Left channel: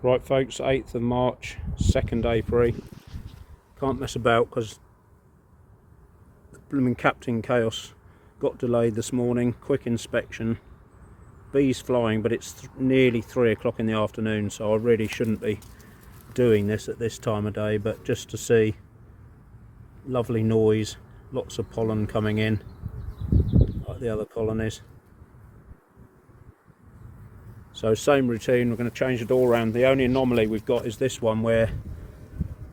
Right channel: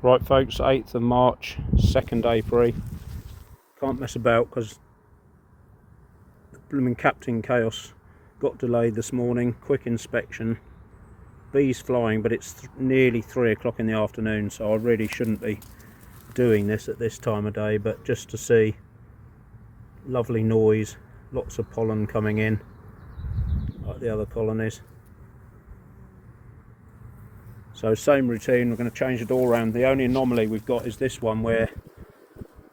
Right folks, 8th of March, second apiary. Can't mess about because the blooming Captain Chaos got delayed this morning. Quick inspection, bees flying, but it's nearly 3 o'clock in the afternoon, so I really shouldn't be doing this at this time of day, but just to see. Lovely noise, lots of pollen coming in like the other colonies. So same routine, we're going to change the door around. The only anomaly we've got is this one where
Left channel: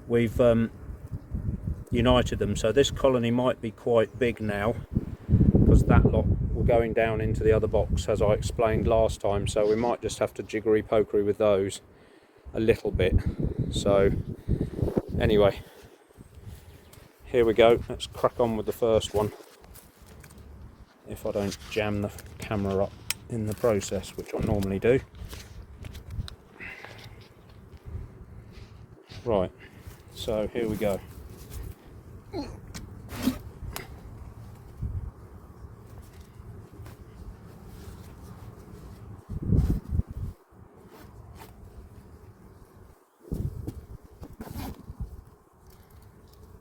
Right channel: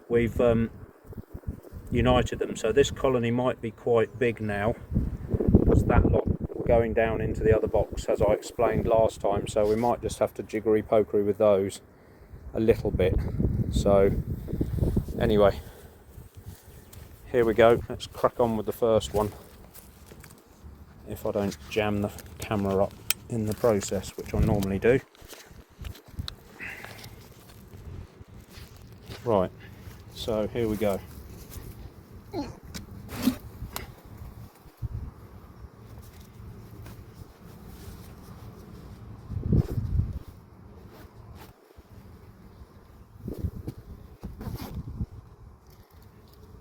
we've united them. So this colony might be quite big now because that lot were going down into the other box as I explained last time. So we might just have to jiggery pokery with those a little bit. So anyway, here we go. Let's crack on with the first one. If I don't jam the camera up in the process, which I normally do. Right, so here we go.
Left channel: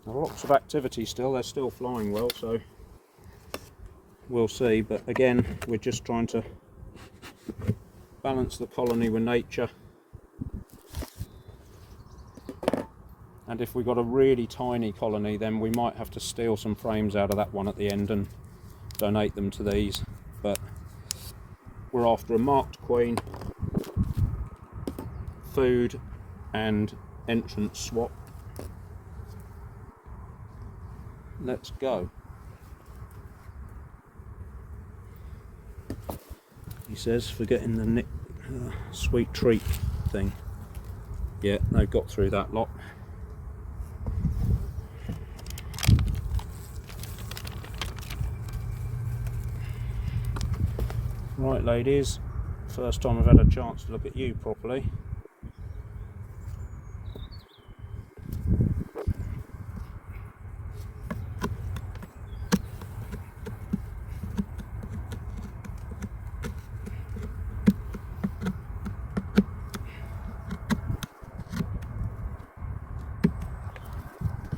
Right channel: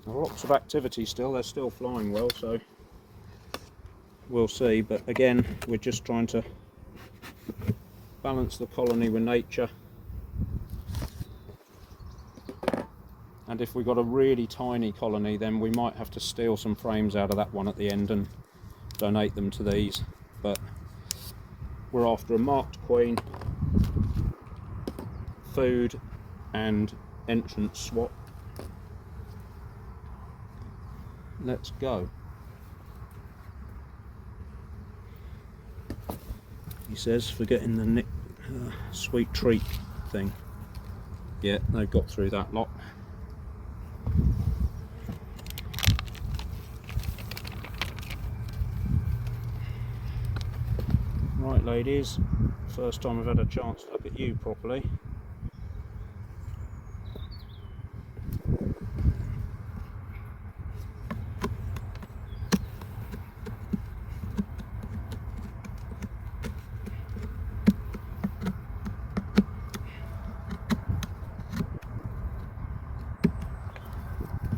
Lots of activity still, they're still flying well, so we'll see, but again we're just trying to balance the colony with nature, and if we've got a really tiny colony then we might have to steal some frames out of that one at the end and donate them to these, but we're after a marked queen, food and entrance swap. Let's go. He says, forgetting the sweet treat thing. Yeah, they've got through that lot. Right ladies, first time I've had a chance to look at you properly.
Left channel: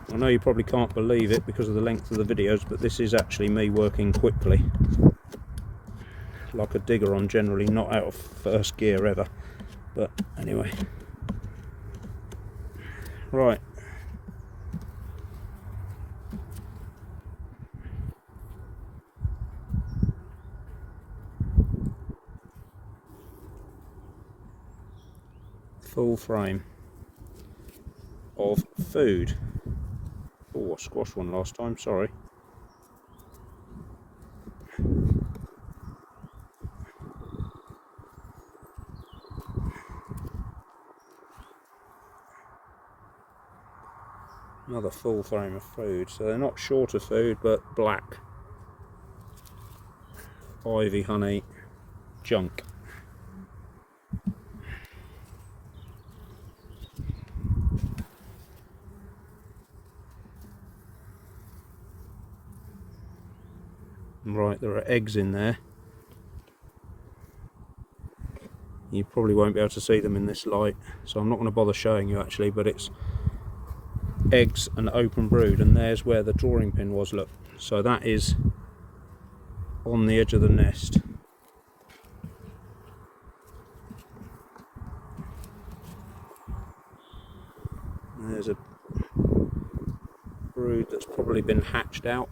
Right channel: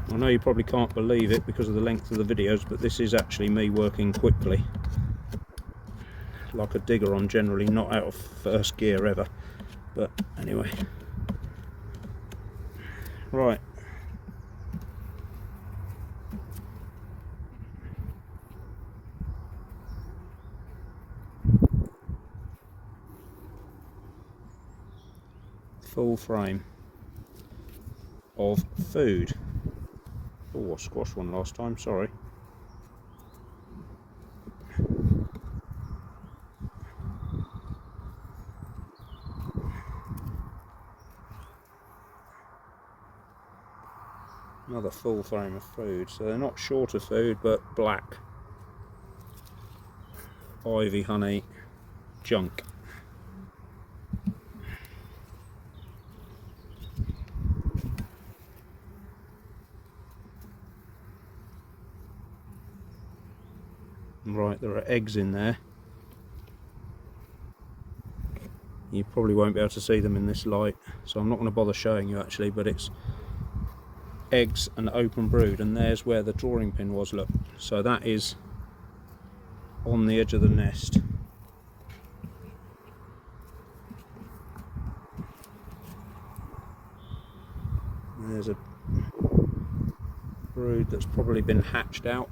I know you probably can't believe it because of the length of the videos, but this is actually me working quickly. Like a digger, I'm generally not out of first gear ever. But anyway. Right. Full frame of food. Oh, I squashed one last time, sorry. Another full frame of food, so they're not short of food, but black. Ivy, honey, junk. Right, there are eggs in there. You probably won't be able to see them in this light, so I'm not going to bother showing you actually, but it's eggs and open brood, and there's where the drawing pin was, look. So that is on the edge of the nest. And there's a brood that's probably been hatched out.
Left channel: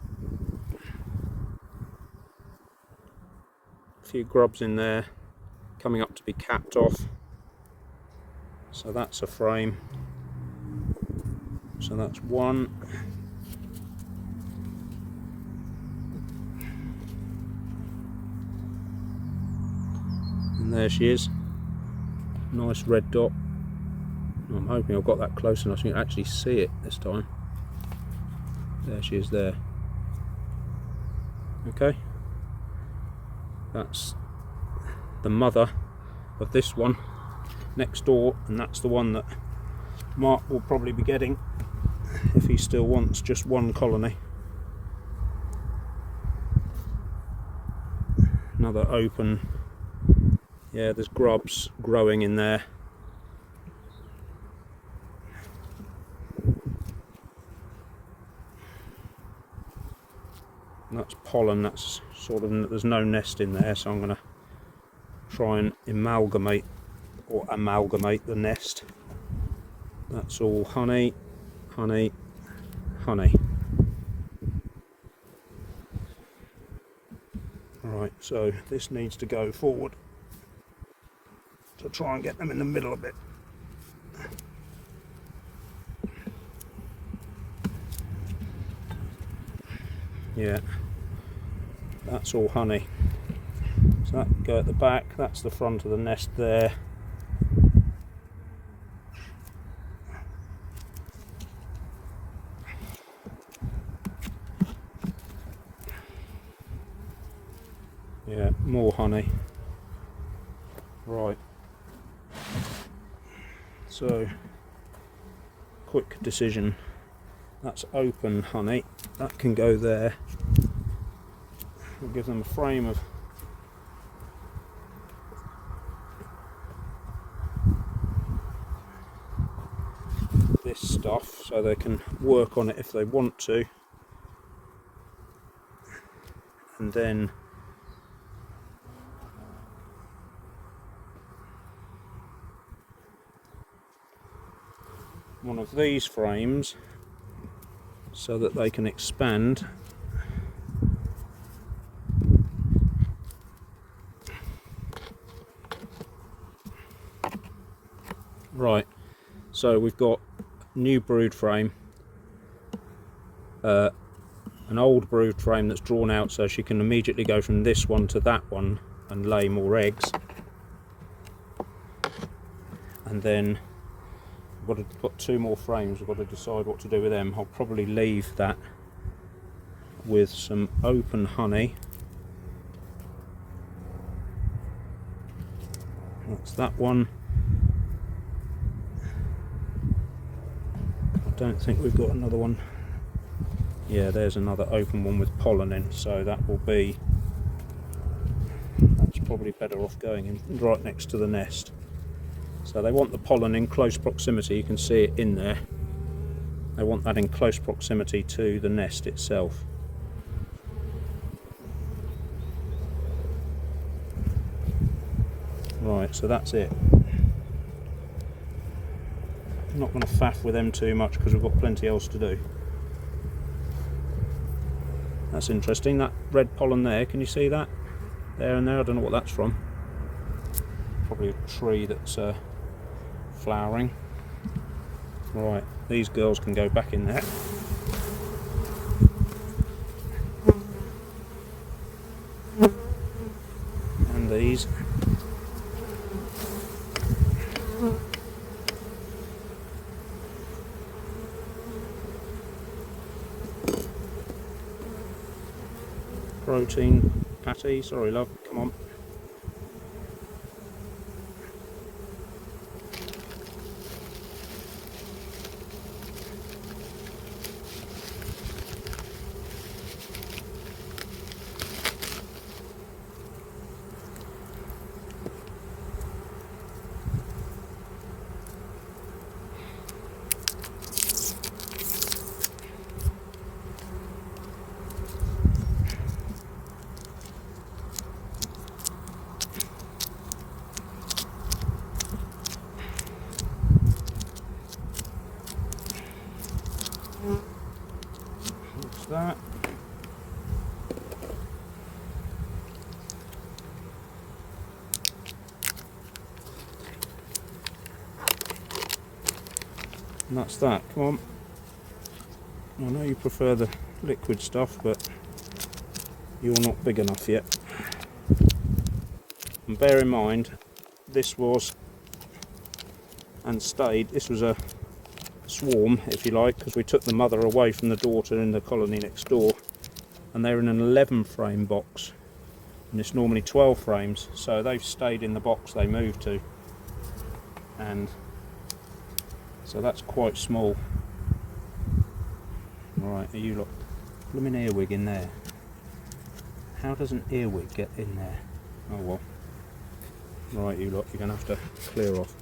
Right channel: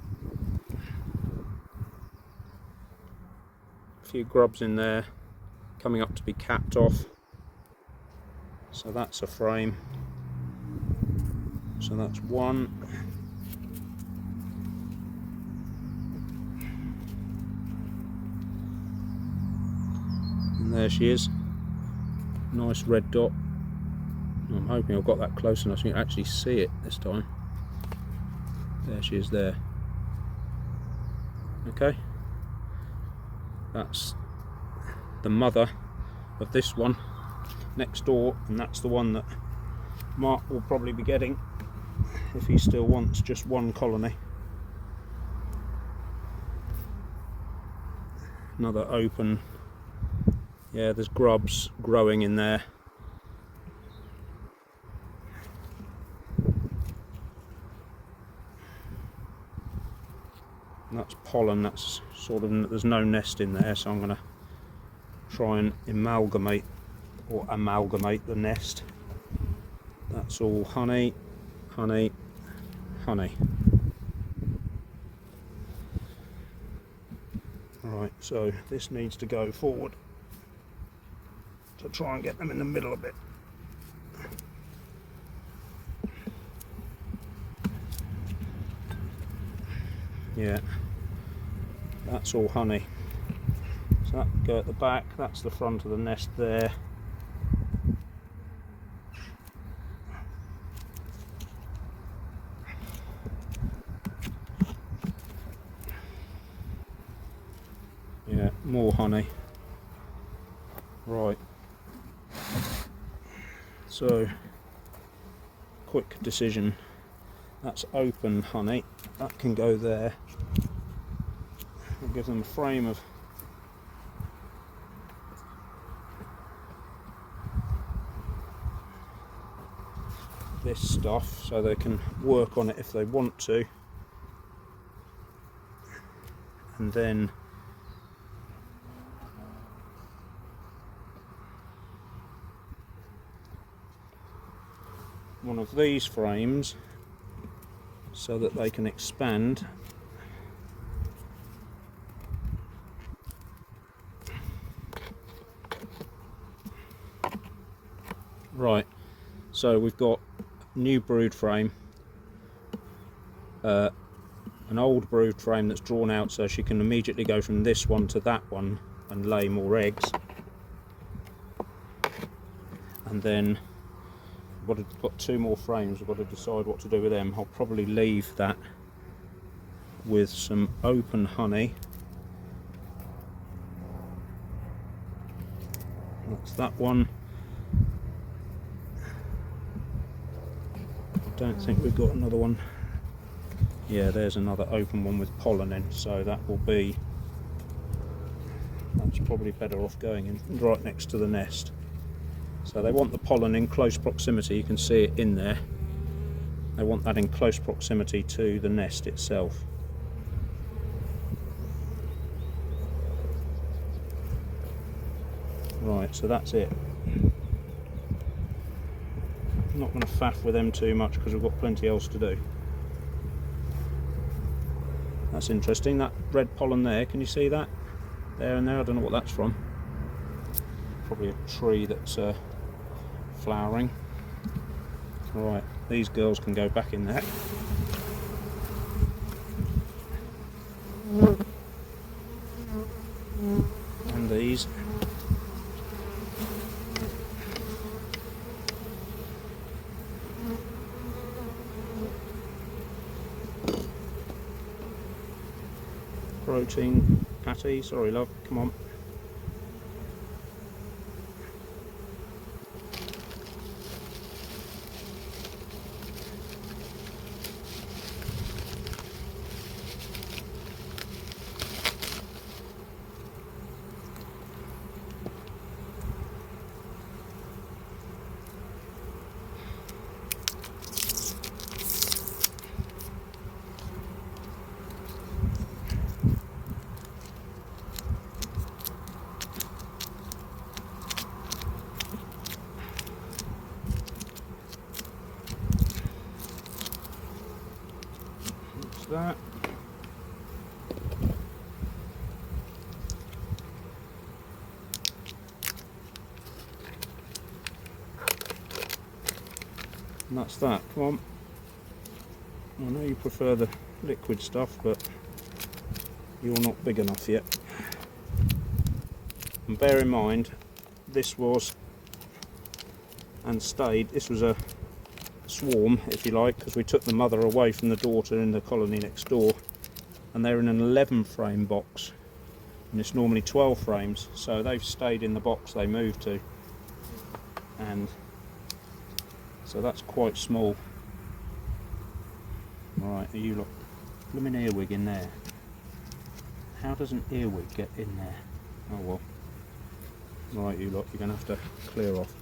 A few grubs in there coming up to be capped off, so that's a frame. So that's one. And there she is, nice red dot. I'm hoping I've got that close enough so you can actually see it this time. There she is there. Okay, that's the mother of this one next door, and that's the one that Mark will probably be getting if he still wants just one colony. Another open, yeah, there's grubs growing in there. And that's pollen, that's sort of, there's no nest in there, so I'm going to try and amalgamate the nest. That's all honey, honey, honey. Right, so this needs to go forward to try and get them in the middle a bit. Yeah, that's all honey. So that can go at the back, that's the front of the nest there. Yeah, more honey. Right. So, quick decision. That's open honey. That can go there. I'll give them a frame of this stuff so they can work on it if they want to. And then one of these frames so that they can expand. Right, so we've got new brood frame, an old brood frame that's drawn out so she can immediately go from this one to that one and lay more eggs. And then we've got two more frames, we've got to decide what to do with them. I'll probably leave that with some open honey. That's that one. I don't think we've got another one. Yeah, there's another open one with pollen in, so that will be, that's probably better off going in right next to the nest. So they want the pollen in close proximity, you can see it in there. They want that in close proximity to the nest itself. Right, so that's it. I'm not going to faff with them too much because we've got plenty else to do. That's interesting, that red pollen there, can you see that? There and there, I don't know what that's from. Probably a tree that's flowering. Right, these girls can go back in there. And these. Protein patty, sorry love, come on. That. And that's that, come on. I know you prefer the liquid stuff, but you're not big enough yet. And bear in mind, this was and stayed, this was a swarm, if you like, because we took the mother away from the daughter in the colony next door, and they're in an 11 frame box, and it's normally 12 frames, so they've stayed in the box they moved to, and so that's quite small. Right, are you lot, blooming earwig in there? How does an earwig get in there? Oh well. Right, you lot, you're going to have to clear off.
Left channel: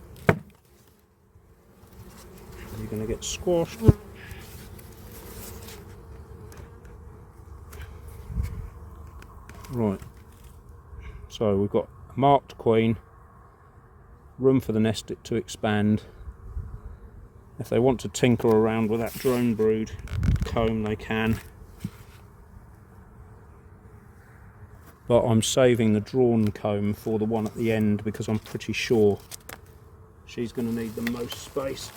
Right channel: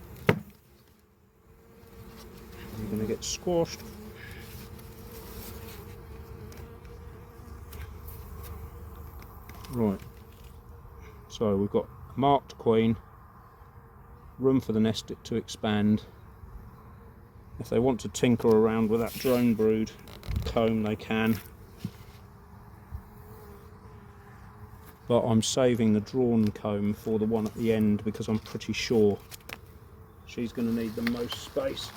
You're going to get squashed. Right, so we've got marked queen, room for the nest to expand. If they want to tinker around with that drone brood comb, they can, but I'm saving the drawn comb for the one at the end because I'm pretty sure she's going to need the most space.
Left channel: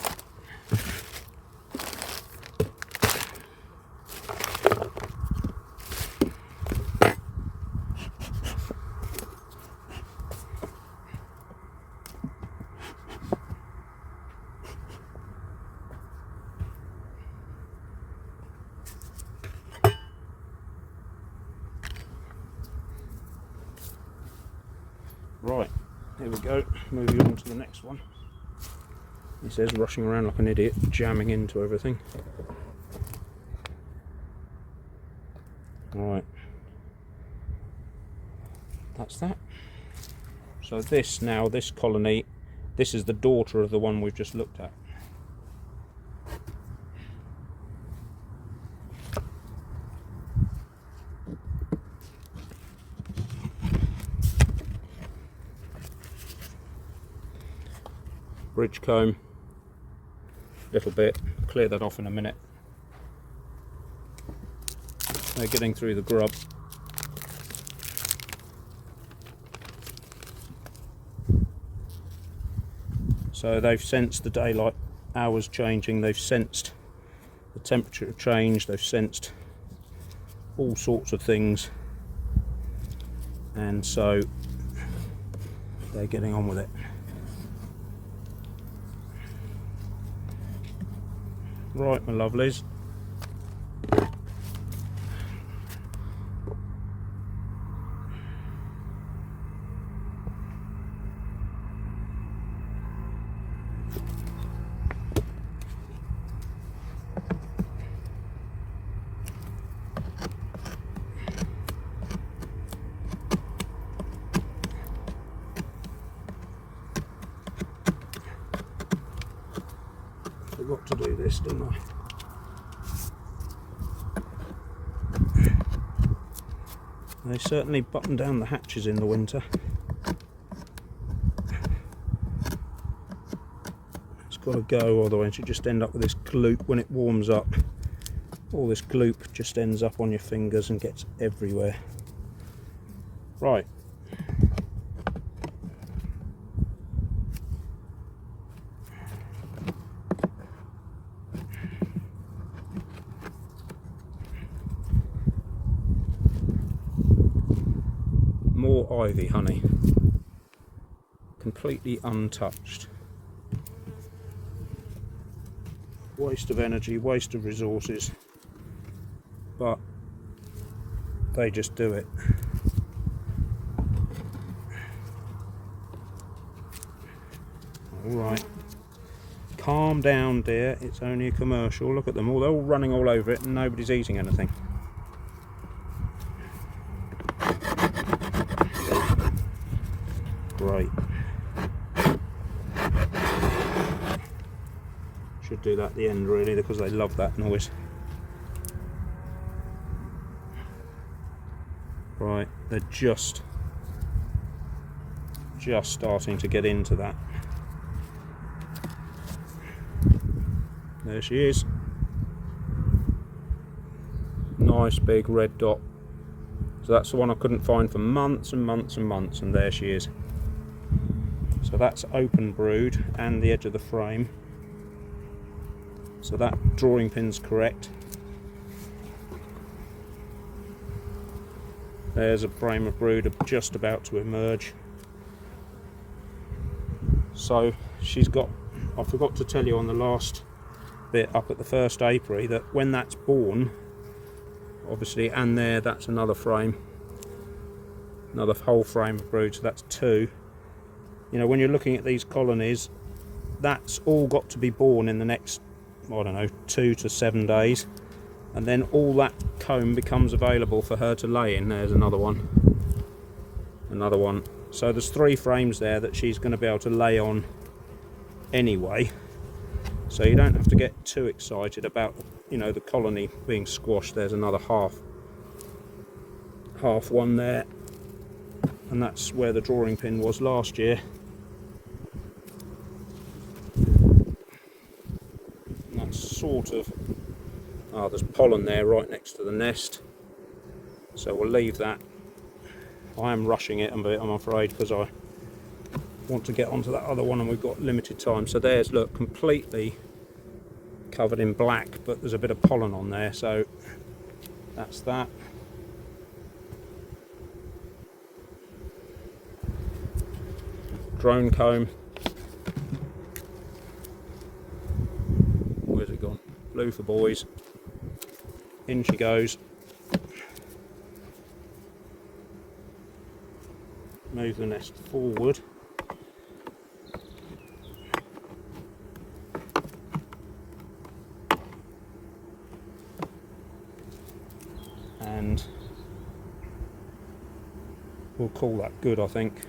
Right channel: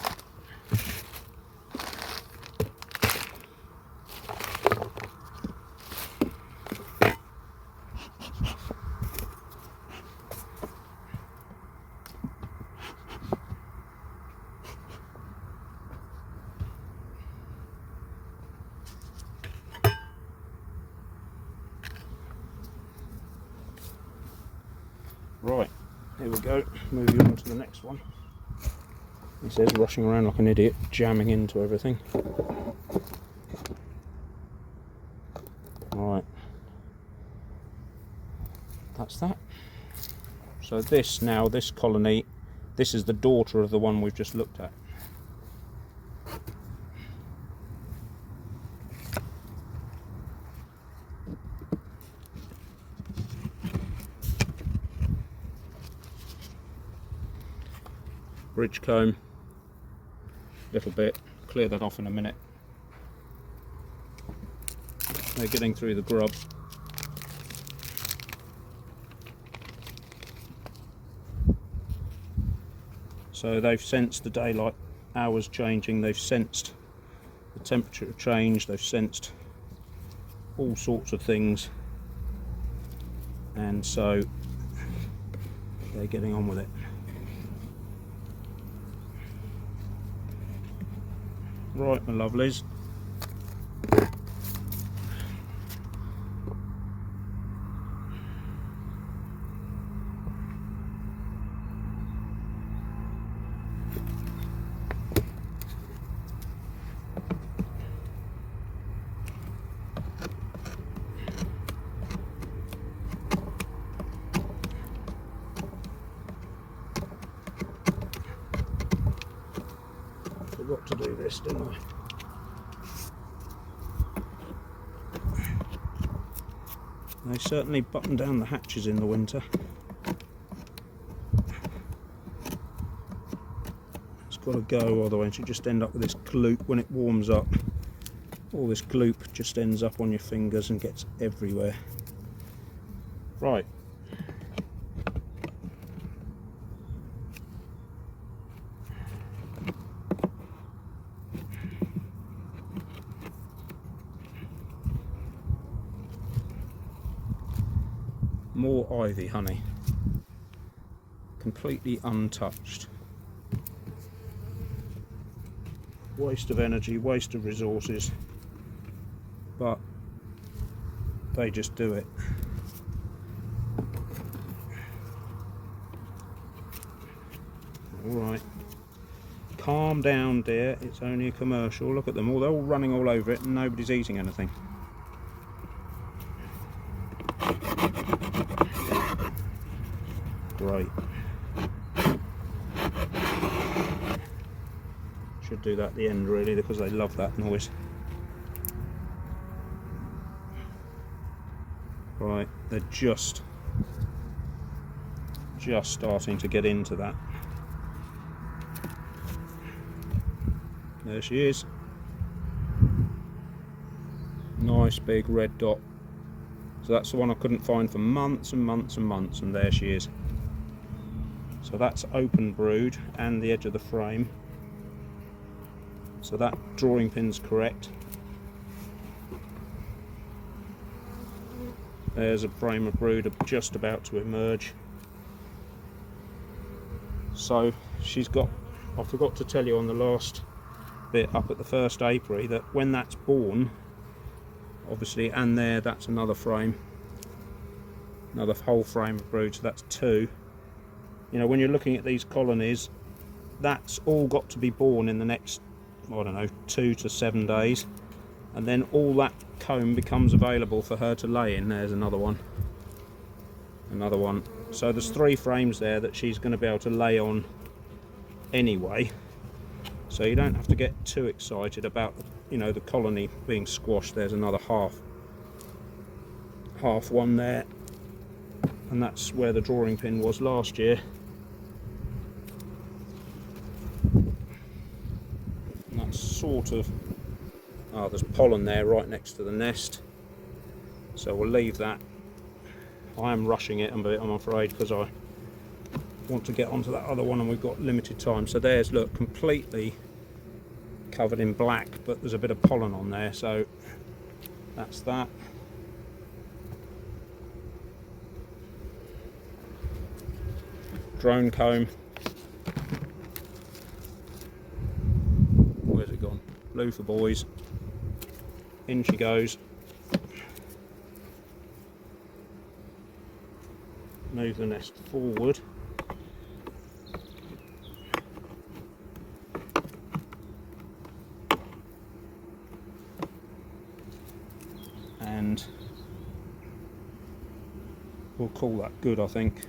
Right, here we go, moving on to the next one. He says, rushing around like an idiot, jamming into everything. Right, that's that. So this colony, this is the daughter of the one we've just looked at. Bridge comb, little bit, clear that off in a minute. They're getting through the grub. So they've sensed the daylight hours changing, they've sensed the temperature change, they've sensed all sorts of things, and so they're getting on with it. Right, my lovelies. Forgot to do this, didn't I? They certainly button down the hatches in the winter. It's got to go, otherwise you just end up with this gloop when it warms up. All this gloop just ends up on your fingers and gets everywhere. Right. More ivy honey, completely untouched. Waste of energy, waste of resources, but they just do it. Alright, calm down dear, it's only a commercial. Look at them all, they're all running all over it and nobody's eating anything. Right. Should do that at the end really, because they love that noise. Right, they're just starting to get into that. There she is. Nice big red dot. So that's the one I couldn't find for months and months and months, and there she is. So that's open brood and the edge of the frame. So that drawing pin's correct. There's a frame of brood just about to emerge. So she's got, I forgot to tell you on the last bit up at the first apiary, that when that's born, obviously, and there, that's another frame, another whole frame of brood, so that's two. You know, when you're looking at these colonies, that's all got to be born in the next, I don't know, 2 to 7 days, and then all that comb becomes available for her to lay in. There's another one, another one. So there's 3 frames there that she's going to be able to lay on anyway, so you don't have to get too excited about, you know, the colony being squashed. There's another half. half one there, and that's where the drawing pin was last year. And that's sort of, there's pollen there right next to the nest, so we'll leave that. I am rushing it, I'm afraid, because I want to get onto that other one and we've got limited time. So there's, look, completely covered in black, but there's a bit of pollen on there, so that's that. Drone comb. Where's it gone? Blue for boys. In she goes. Move the nest forward. And we'll call that good, I think.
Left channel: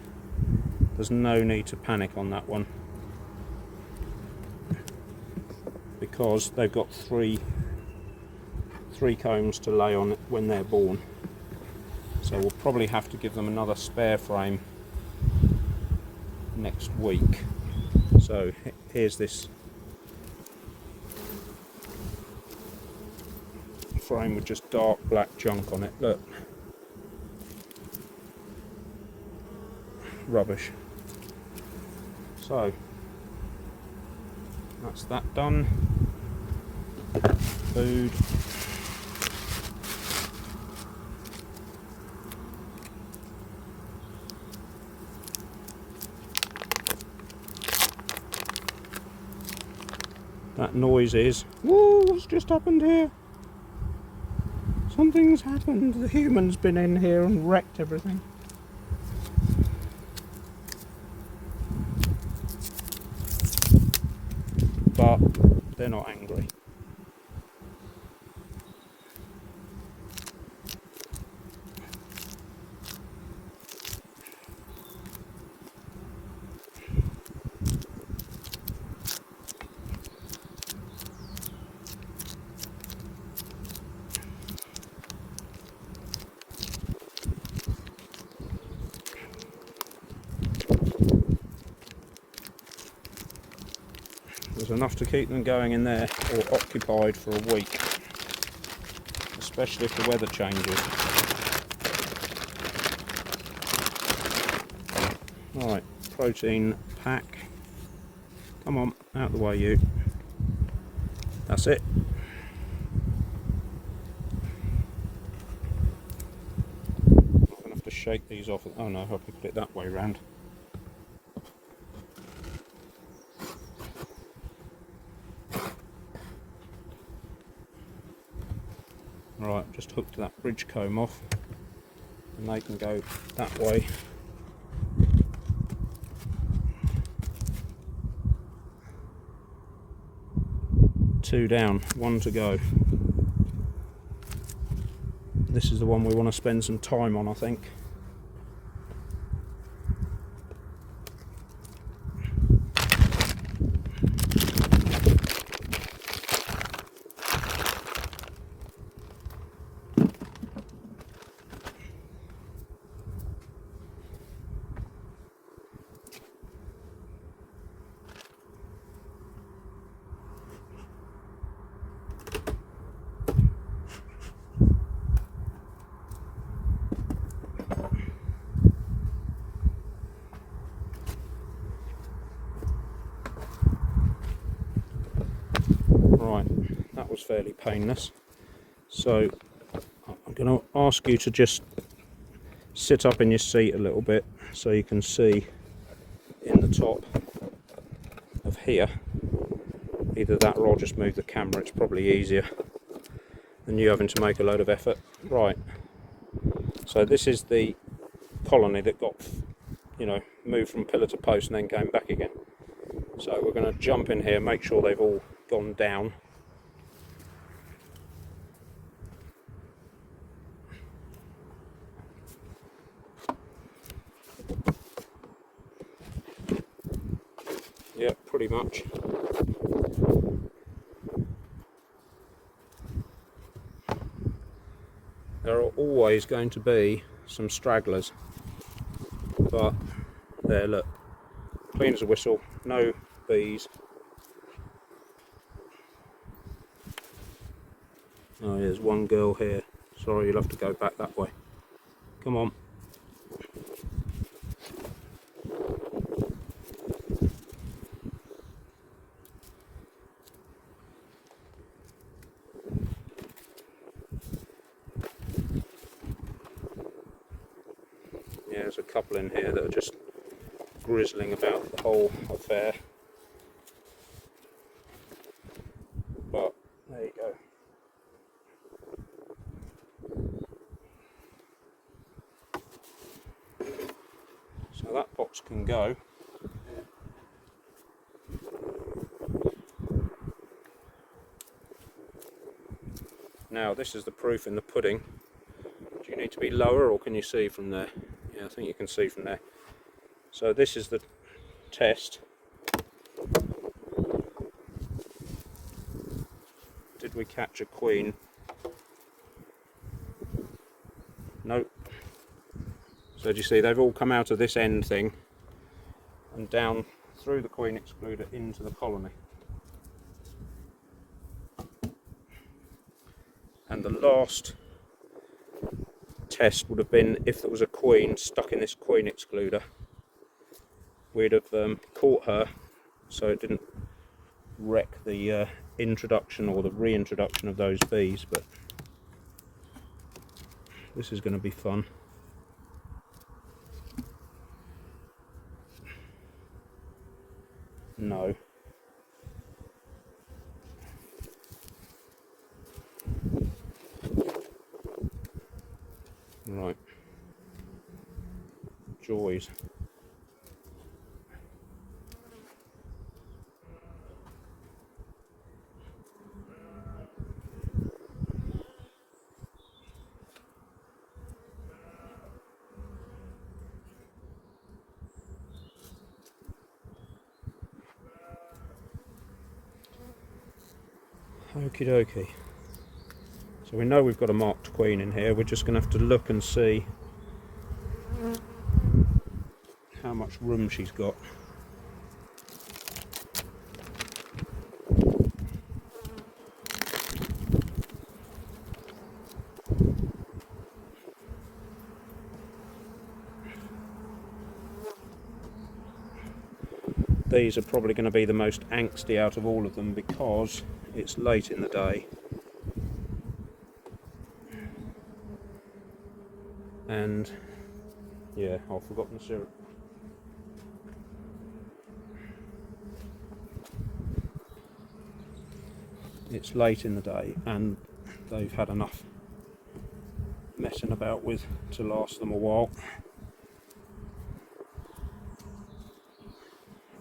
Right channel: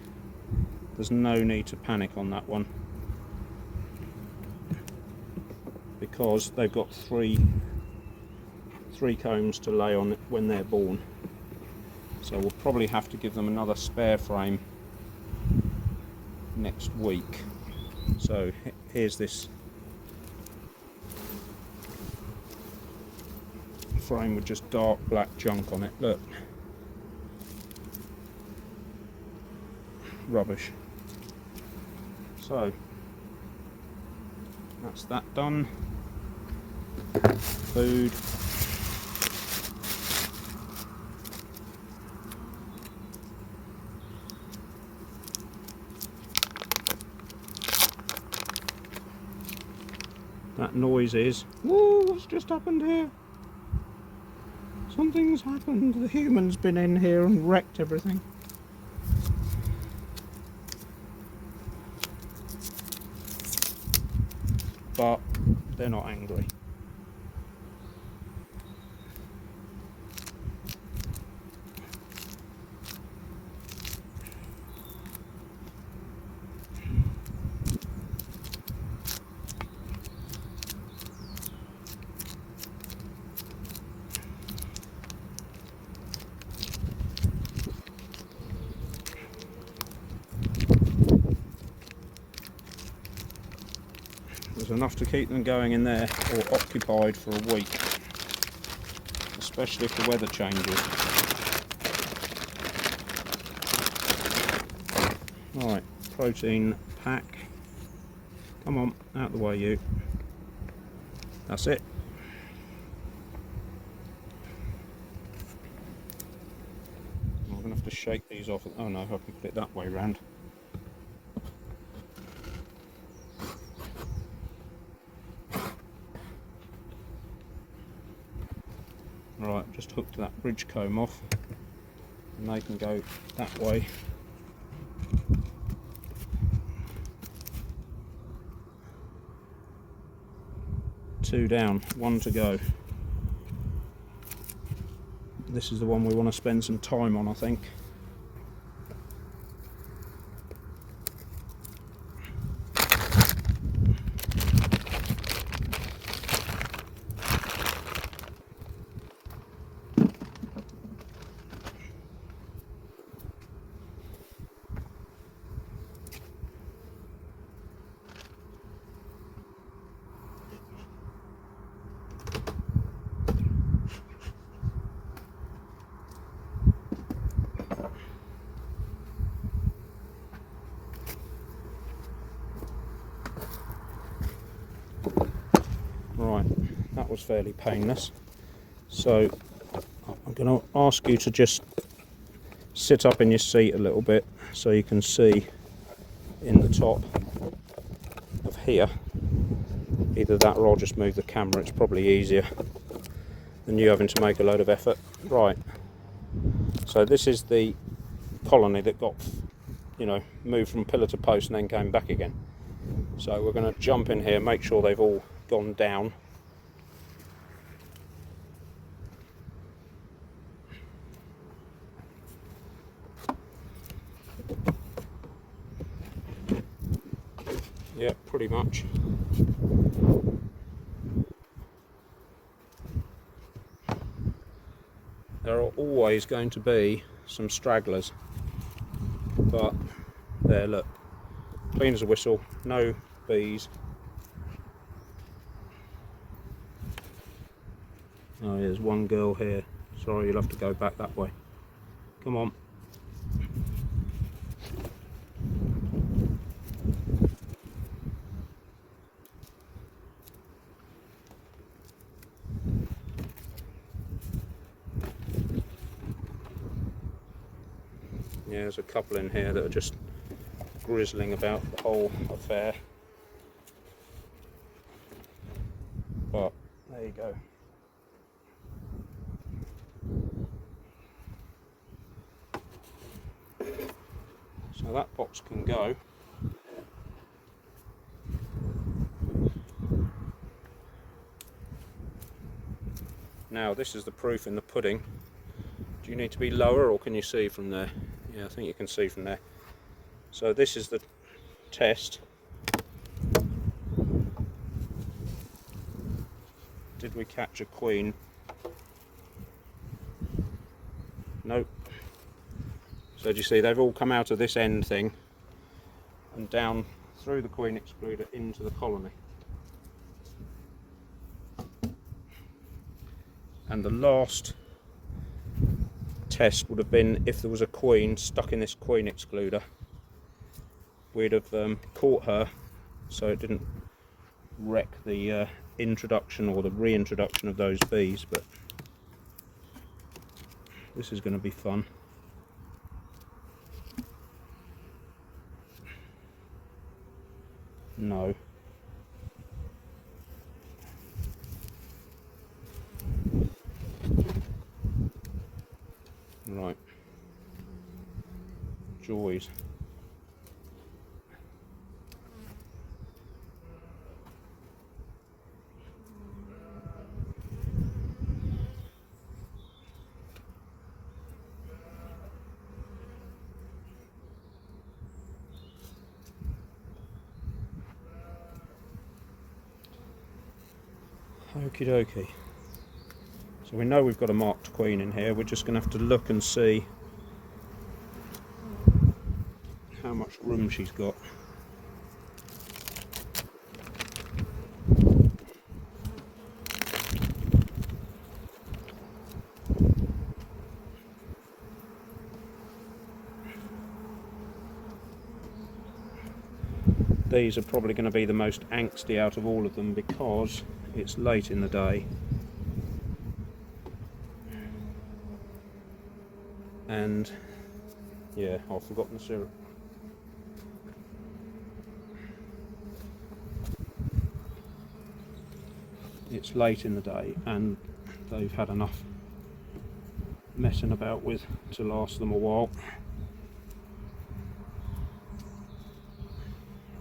There's no need to panic on that one, because they've got three combs to lay on when they're born. So we'll probably have to give them another spare frame next week. So here's this frame with just dark black junk on it. Look, rubbish. So that's that done. Food. That noise is, whoa, what's just happened here? Something's happened. The human's been in here and wrecked everything. But they're not angry. There's enough to keep them going in there, or occupied for a week, especially if the weather changes. Right, protein pack. Come on, out the way you. That's it. I'm going to have to shake these off. Oh no, I hope we put it that way round. Right, just hooked that bridge comb off and they can go that way. Two down, one to go. This is the one we want to spend some time on, I think. Right, that was fairly painless. So I'm going to ask you to just sit up in your seat a little bit so you can see in the top of here. Either that or I'll just move the camera, it's probably easier than you having to make a load of effort. Right, so this is the colony that got, moved from pillar to post and then came back again. So we're going to jump in here, make sure they've all gone down. Yeah, pretty much. there are always going to be some stragglers, but there, look, clean as a whistle, no bees. Oh, there's one girl here. Sorry, you'll have to go back that way. Come on. Yeah, there's a couple in here that are just grizzling about the whole affair. But there you go. So that box can go. Now this is the proof in the pudding. Do you need to be lower, or can you see from there? Yeah, I think you can see from there. So this is the test. Did we catch a queen? Nope. So do you see, they've all come out of this end thing and down through the queen excluder into the colony. And the last test would have been if there was a queen stuck in this queen excluder. We'd have caught her so it didn't wreck the introduction or the reintroduction of those bees, but this is going to be fun. No. Right. Joys. Okie dokie. So we know we've got a marked queen in here. We're just going to have to look and see how much room she's got. These are probably going to be the most angsty out of all of them because it's late in the day. And yeah, I've forgotten the syrup. It's late in the day and they've had enough messing about with to last them a while.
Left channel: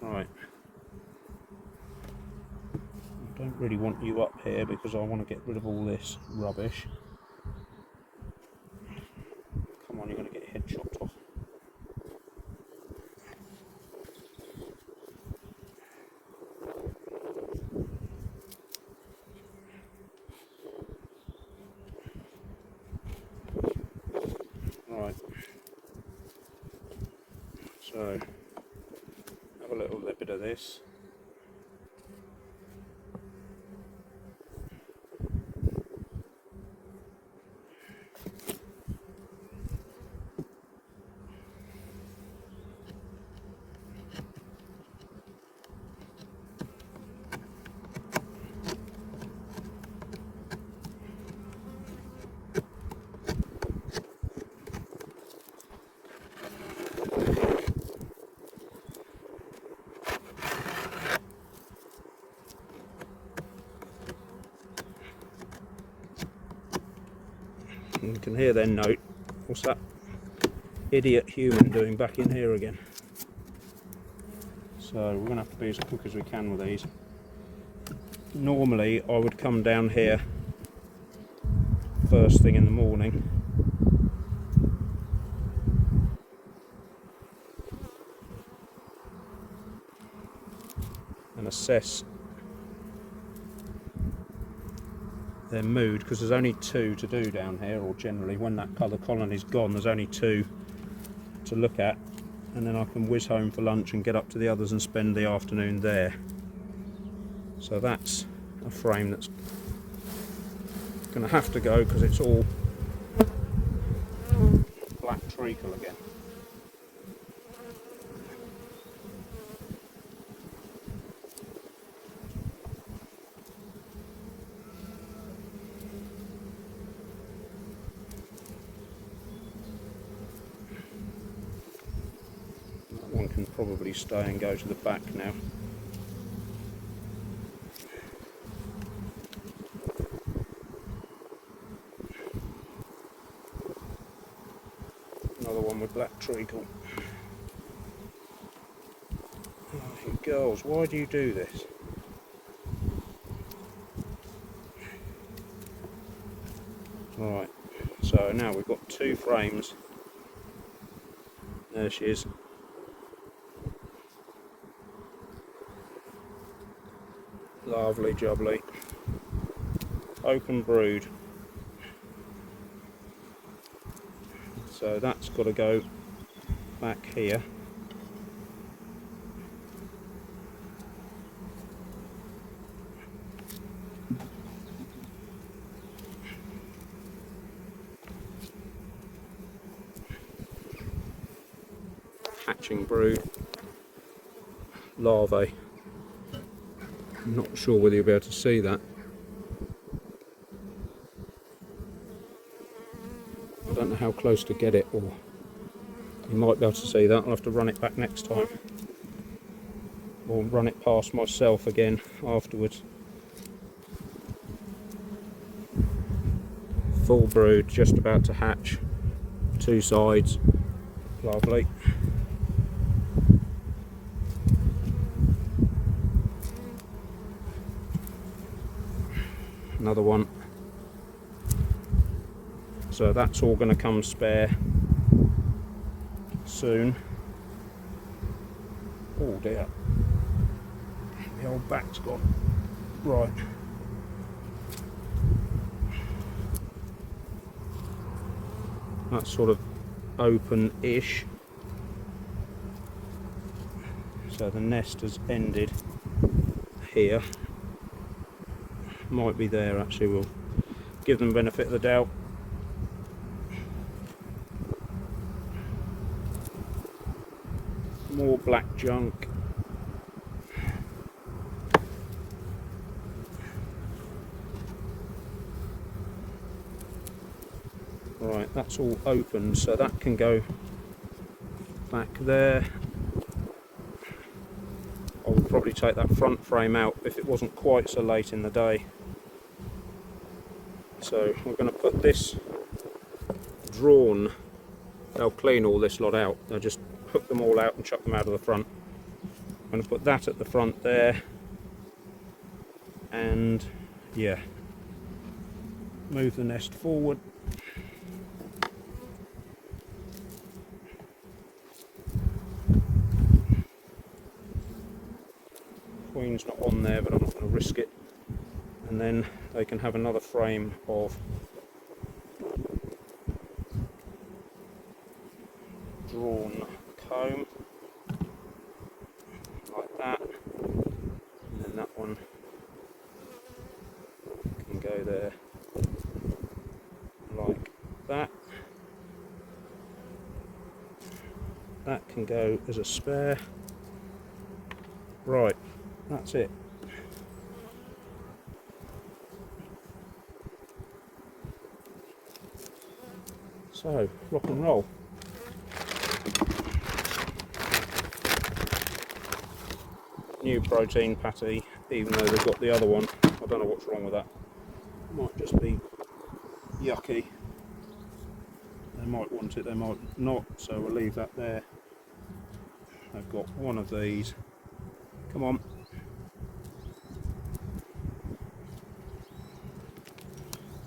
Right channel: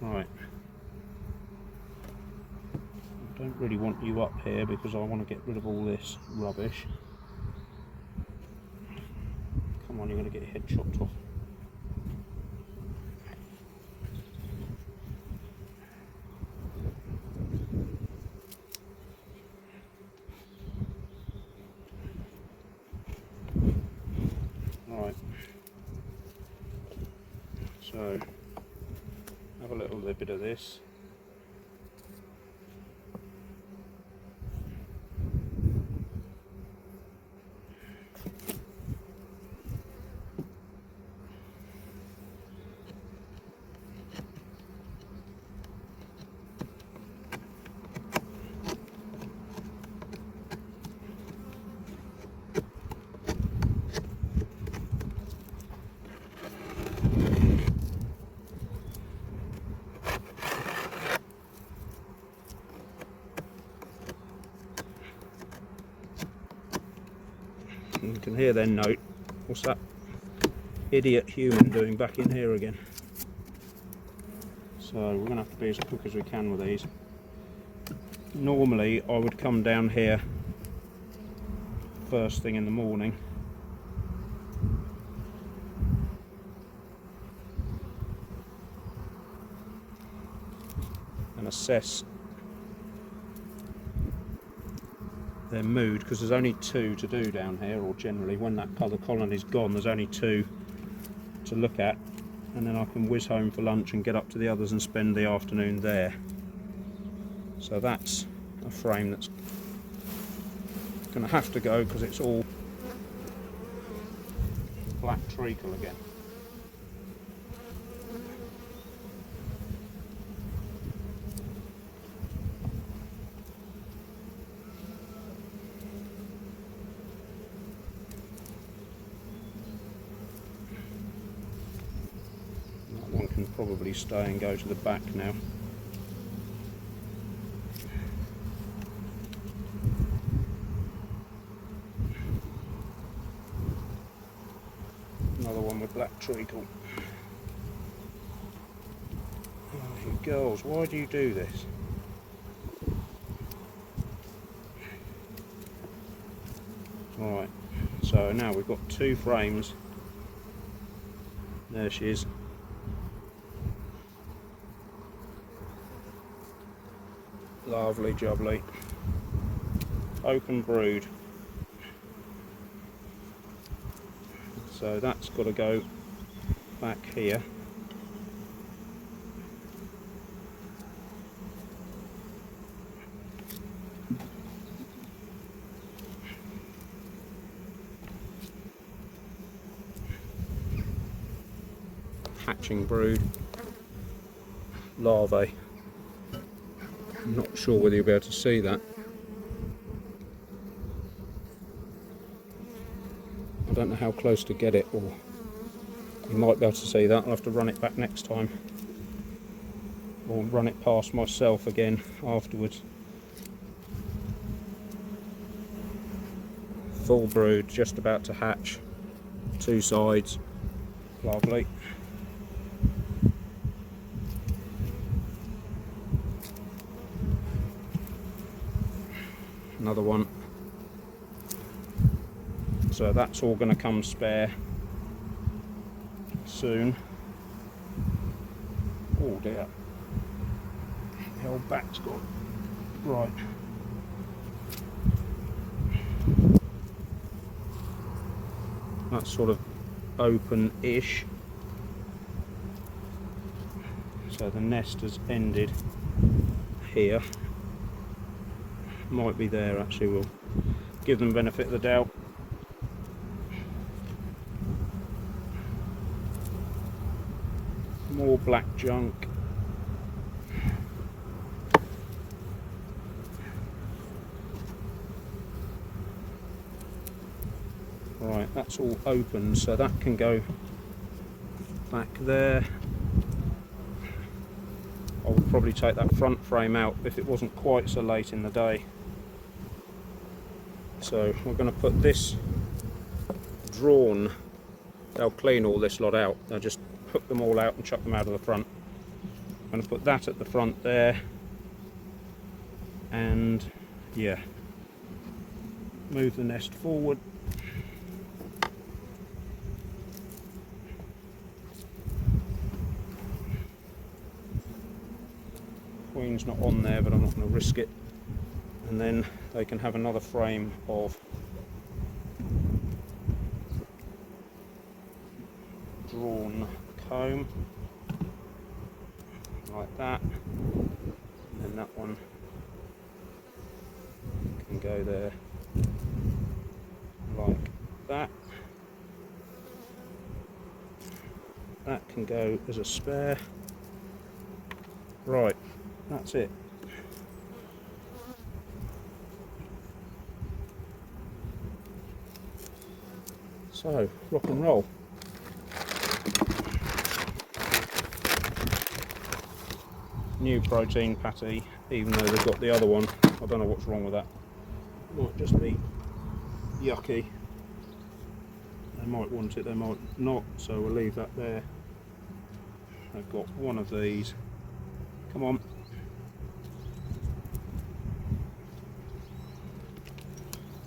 Right. I don't really want you up here because I want to get rid of all this rubbish. Come on, you're going to get your head chopped off. Right. So, have a little bit of this. You can hear their note. What's that idiot human doing back in here again? So we're going to have to be as quick as we can with these. Normally I would come down here first thing in the morning and assess their mood, because there's only 2 to do down here, or generally when that other colony's gone there's only 2 to look at, and then I can whiz home for lunch and get up to the others and spend the afternoon there. So that's a frame that's going to have to go because it's all black treacle again. That one can probably stay and go to the back now. Another one with black treacle. Oh, girls, why do you do this? Alright, so now we've got 2 frames. There she is. Lovely jubbly. Open brood. So that's got to go back here. Hatching brood. Larvae. I'm not sure whether you'll be able to see that. I don't know how close to get it, or you might be able to see that. I'll have to run it back next time, or run it past myself again afterwards. Full brood, just about to hatch. 2 sides. Lovely. Another one. So that's all going to come spare soon. Oh dear, the old back's gone. Right. That's sort of open-ish. So the nest has ended here. Might be there actually, we'll give them benefit of the doubt. More black junk. Right, that's all open, so that can go back there. I would probably take that front frame out if it wasn't quite so late in the day. So we're going to put this drawn. They'll clean all this lot out. They'll just hook them all out and chuck them out of the front. I'm going to put that at the front there, and yeah, move the nest forward. Queen's not on there, but I'm not going to risk it. And then they can have another frame of drawn comb, like that, and then that one can go there like that. That can go as a spare. Right, that's it. So, rock and roll. New protein patty, even though we've got the other one. I don't know what's wrong with that. Might just be yucky. They might want it, they might not, so we'll leave that there. I've got one of these. Come on.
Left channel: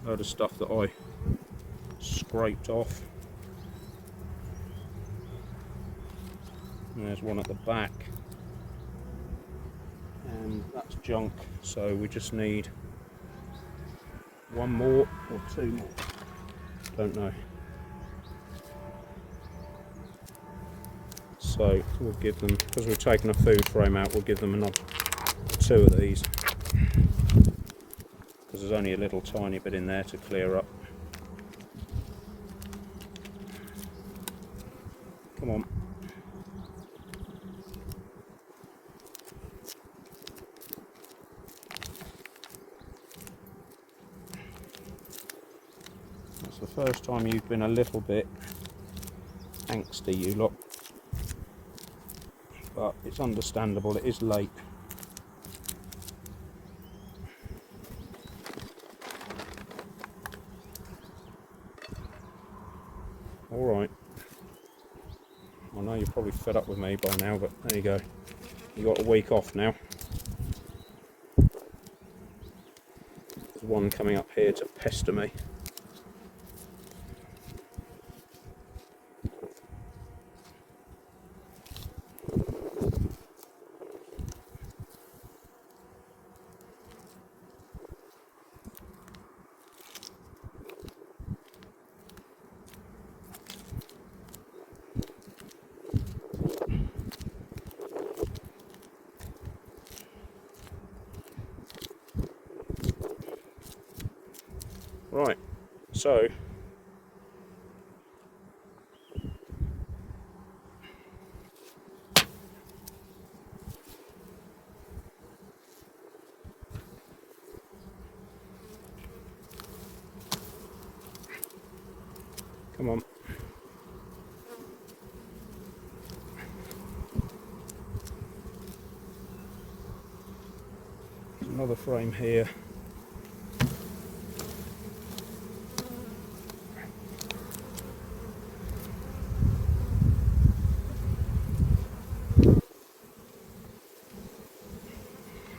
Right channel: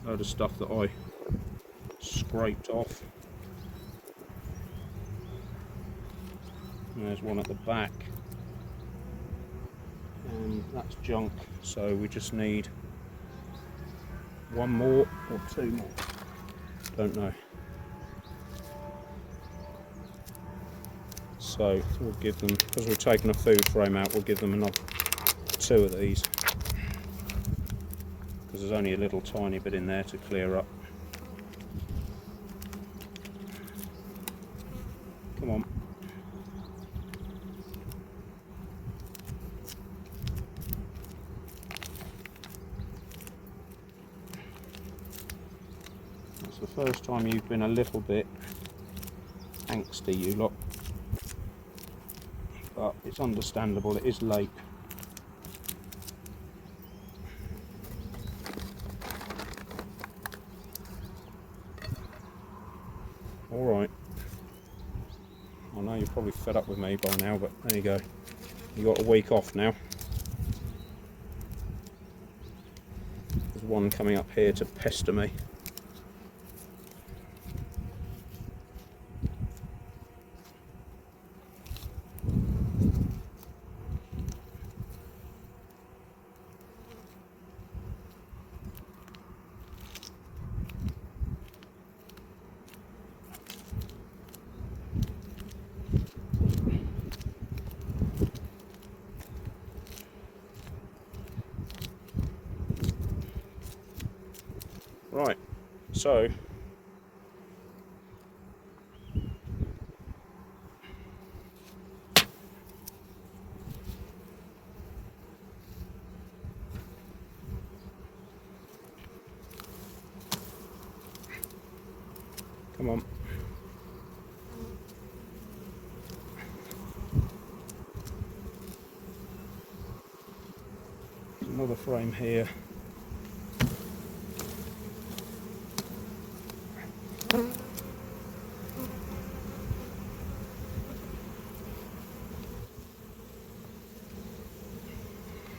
Load of stuff that I scraped off. And there's one at the back. And that's junk, so we just need one more or two more, don't know. So we'll give them, because we're taking a food frame out, we'll give them another 2 of these, because there's only a little tiny bit in there to clear up. Come on. That's the first time you've been a little bit angsty, you lot. But it's understandable, it is late. Alright. I know you're probably fed up with me by now, but there you go. You got a week off now. There's one coming up here to pester me. Right, so come on. Another frame here.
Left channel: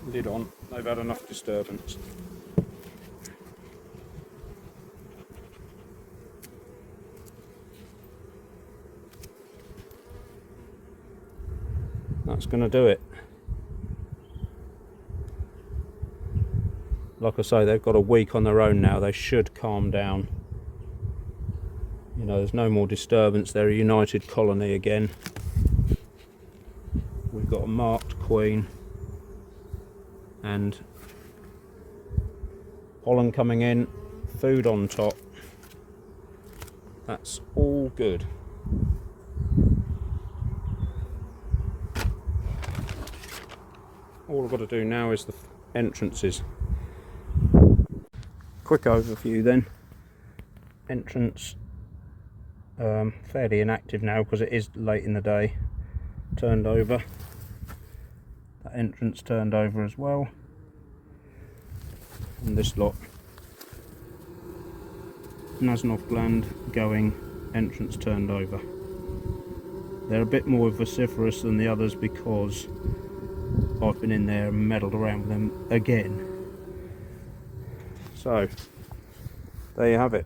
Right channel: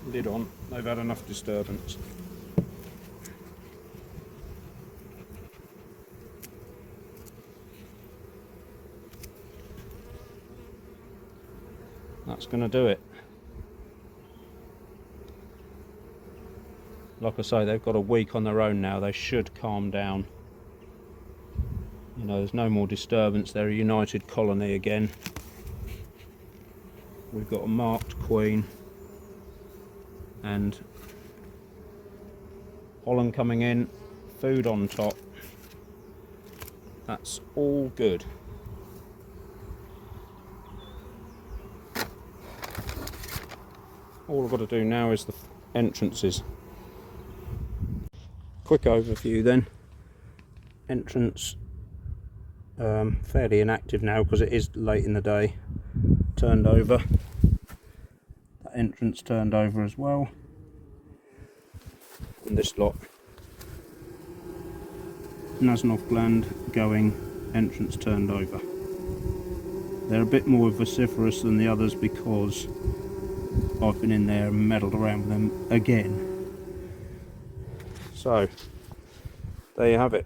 Lid on, they've had enough disturbance. That's going to do it. Like I say, they've got a week on their own now, they should calm down. You know, there's no more disturbance, they're a united colony again. We've got a marked queen and pollen coming in, food on top. That's all good. All I've got to do now is the entrances. Quick overview then. Entrance fairly inactive now because it is late in the day. Turned over. That entrance turned over as well. And this lot. Nasenov gland going, entrance turned over. They're a bit more vociferous than the others because I've been in there and meddled around with them again. So, there you have it.